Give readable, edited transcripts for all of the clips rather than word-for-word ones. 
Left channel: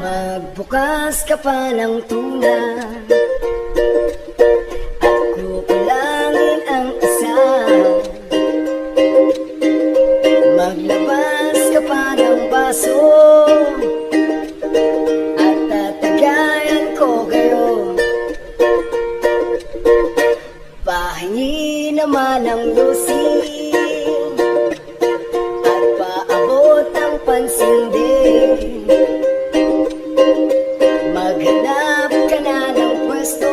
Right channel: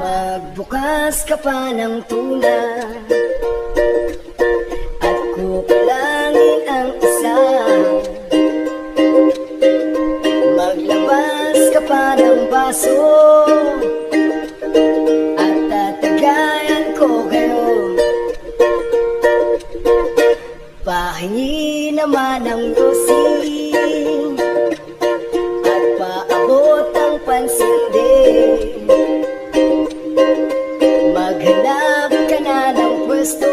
Magbukas ka pa ng tuna at kukulangin ang isa. Maglabas ka pa ng baso at tatagayan ko kayo. Pahingi naman ng lusin at paabot ang pansin din. Maghanap ka na ng pwesto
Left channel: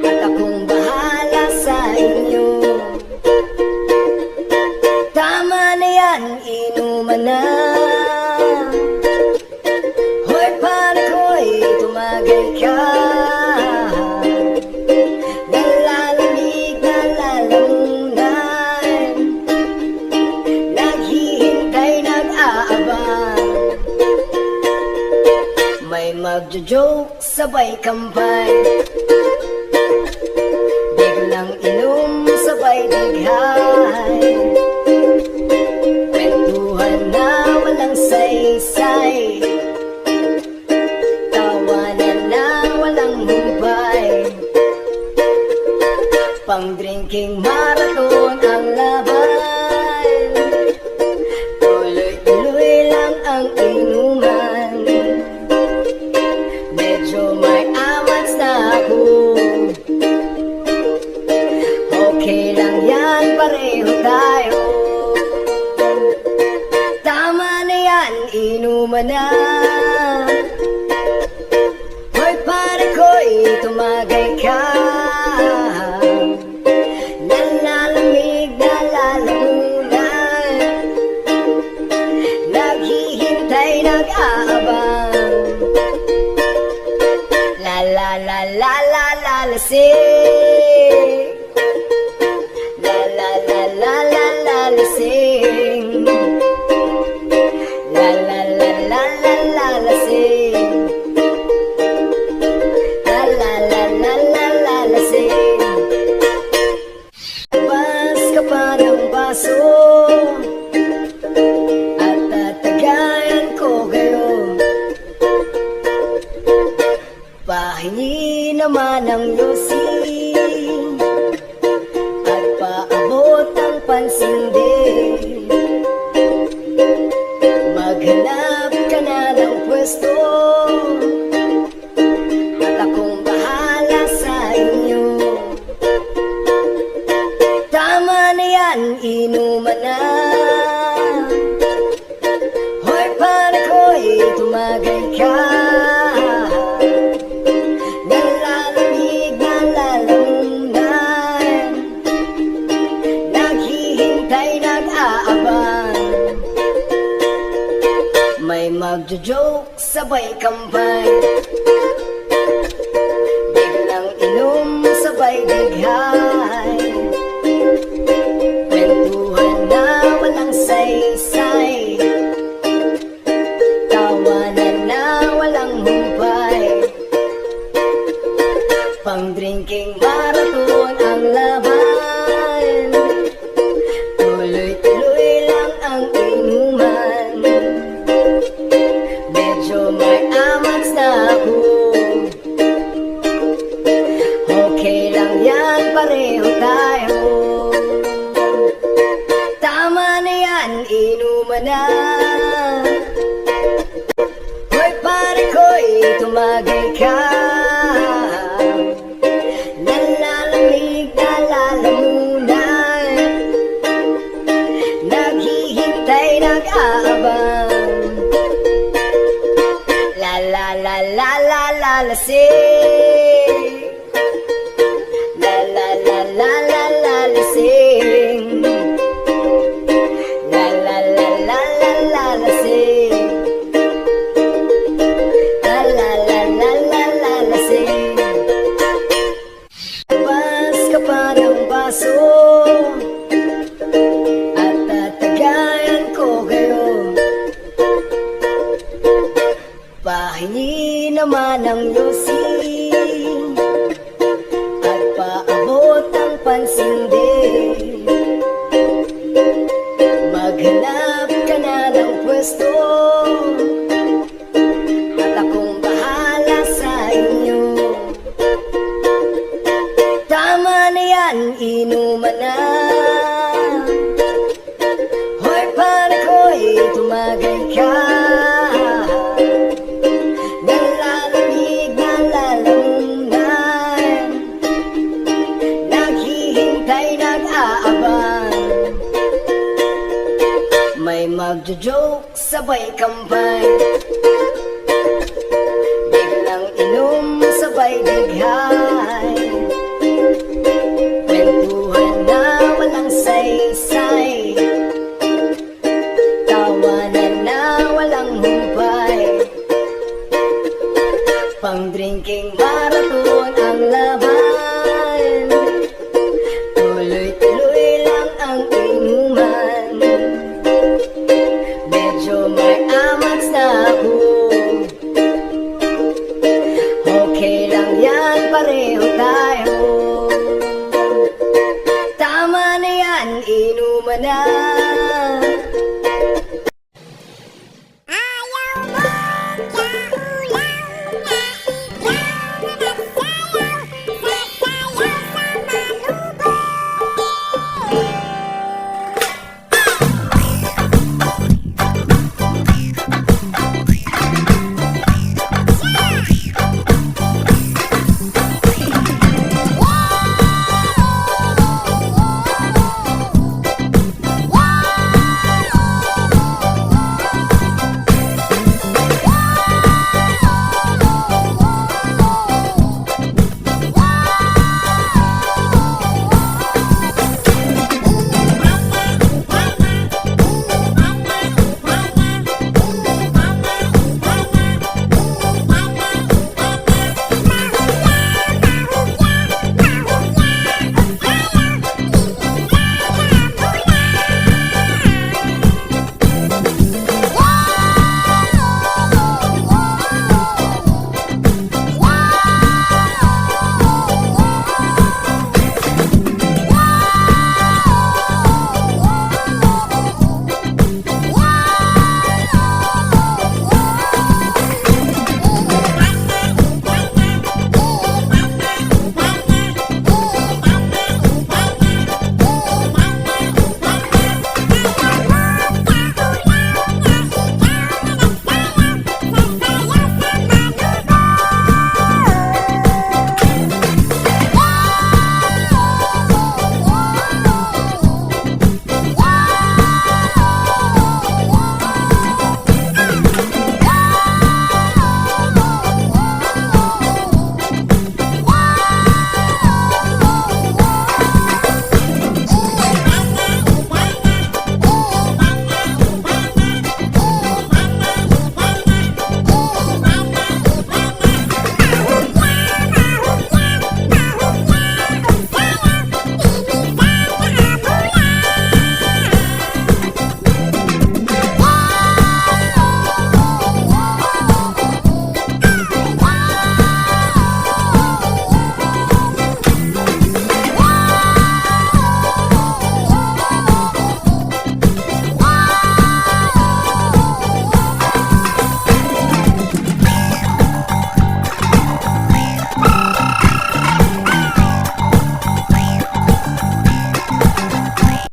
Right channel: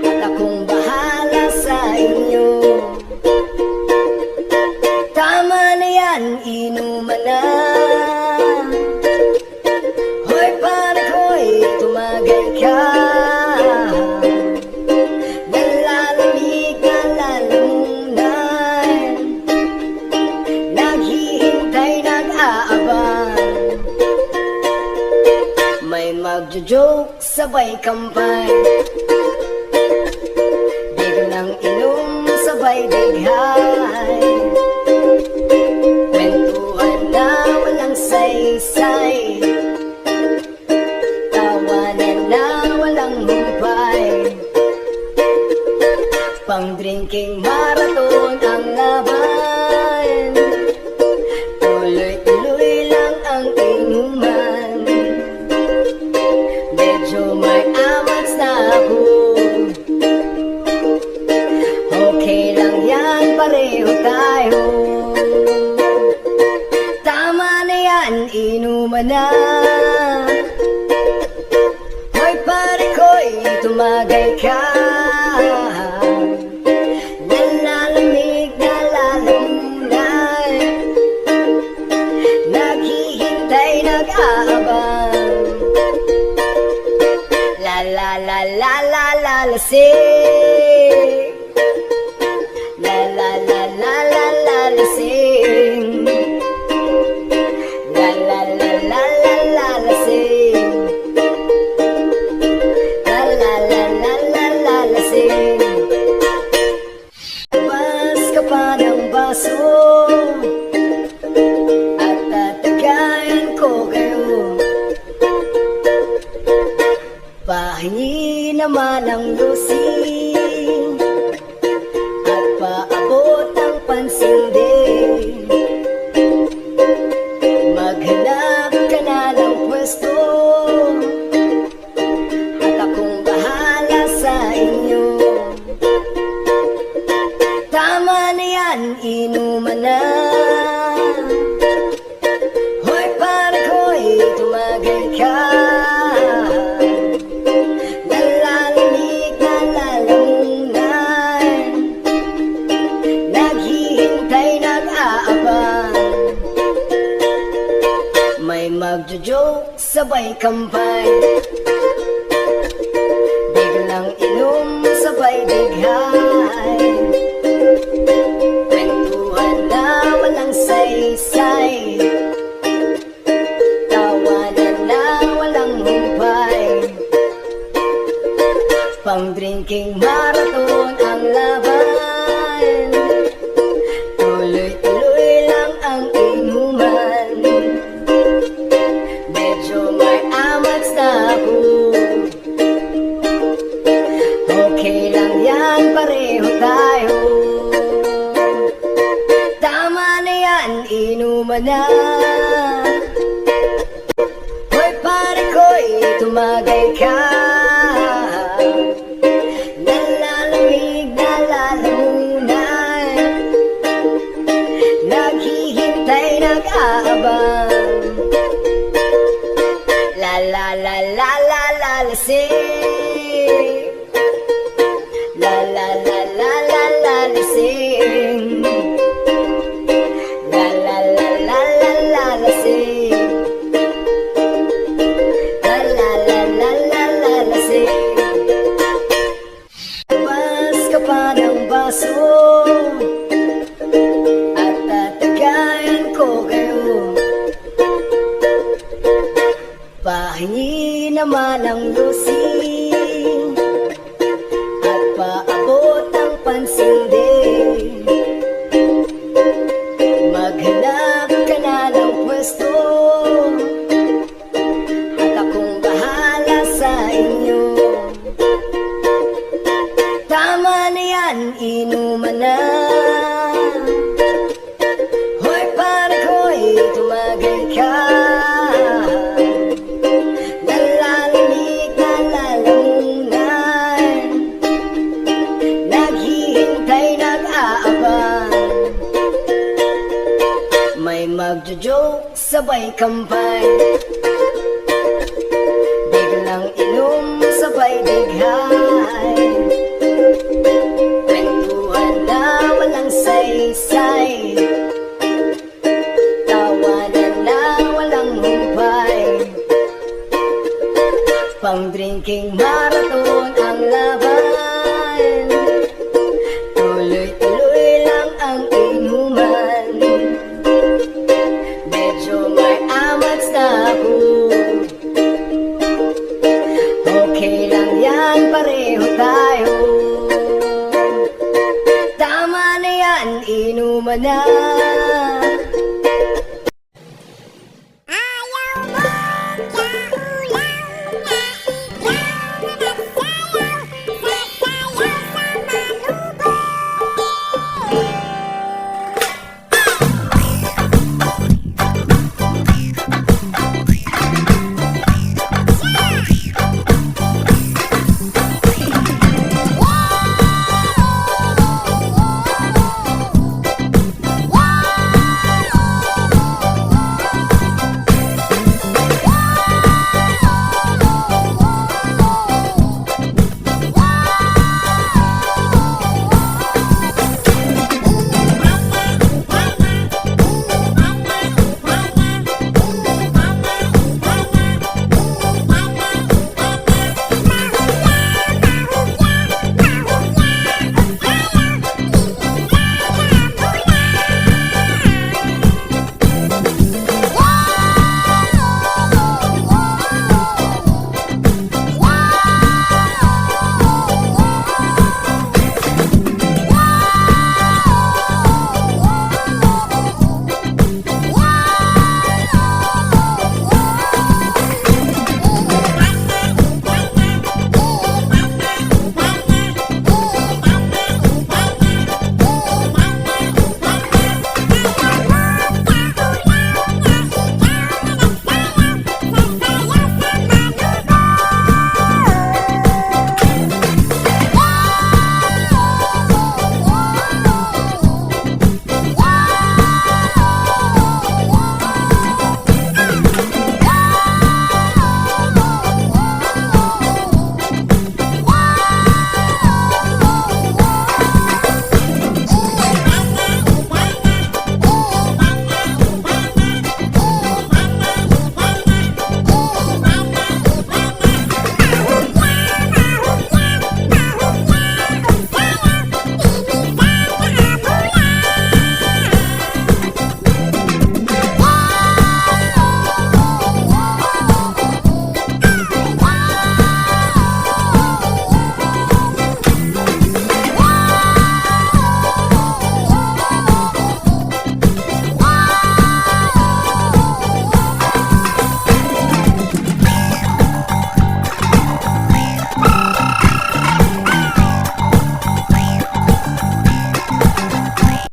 at akong bahala sa inyo. Tama na yan, inuman na. Hoy pare ko'y tumagay ka. Nalalamig, nalalamunan, naghihintay, nag-aabang. May magjo-joke, sabay kambay, biglang inom, sabay dighay. Kwentuhan na walang saysay, tawanan na walang humpay. Pang-drinking marathon ang laban, tuloy-tuloy lang ang inuman. Medyo may amats na ako, okay lang yan, pareho tayo. Tama na yan, inuman na. Hoy pare ko'y tumagay ka. Nalalamig, nalalamunan, naghihintay, nag-aabang. La la la la la la lasing. La la la la la la lasing. La la la la la la lasing. La la la la la la lasing. Labas ka pa ng baso at tatagayan ko kayo. Pahingi naman ang lusin at paabot ang pansin din. Maghanap ka na ng pwesto at akong bahala sa inyo. Tama na yan, inuman na. Hoy pare ko'y tumagay ka. Nalalamig, nalalamunan, naghihintay, nag-aabang. May magjo-joke, sabay kambay, biglang inom, sabay dighay. Kwentuhan na walang saysay, tawanan na walang humpay. Pang-drinking marathon ang laban, tuloy-tuloy lang ang inuman. Medyo may amats na ako, okay lang yan, pareho tayo. Tama na yan, inuman na. Hoy pare ko'y tumagay ka. Nalalamig, nalalamunan, naghihintay, nag-aabang. La la la la la la lasing. La la la la la la lasing. La la la la la la lasing. La la la la la la lasing. Labas ka pa ng baso at tatagayan ko kayo. Pahingi naman ang lusin at paabot ang pansin din. Maghanap ka na ng pwesto sabay kampay. Biglang inom, sabay bighay. Kwentuhan na walang saysay. Tawanan na walang humpay. Pang drinking marathon ang laban.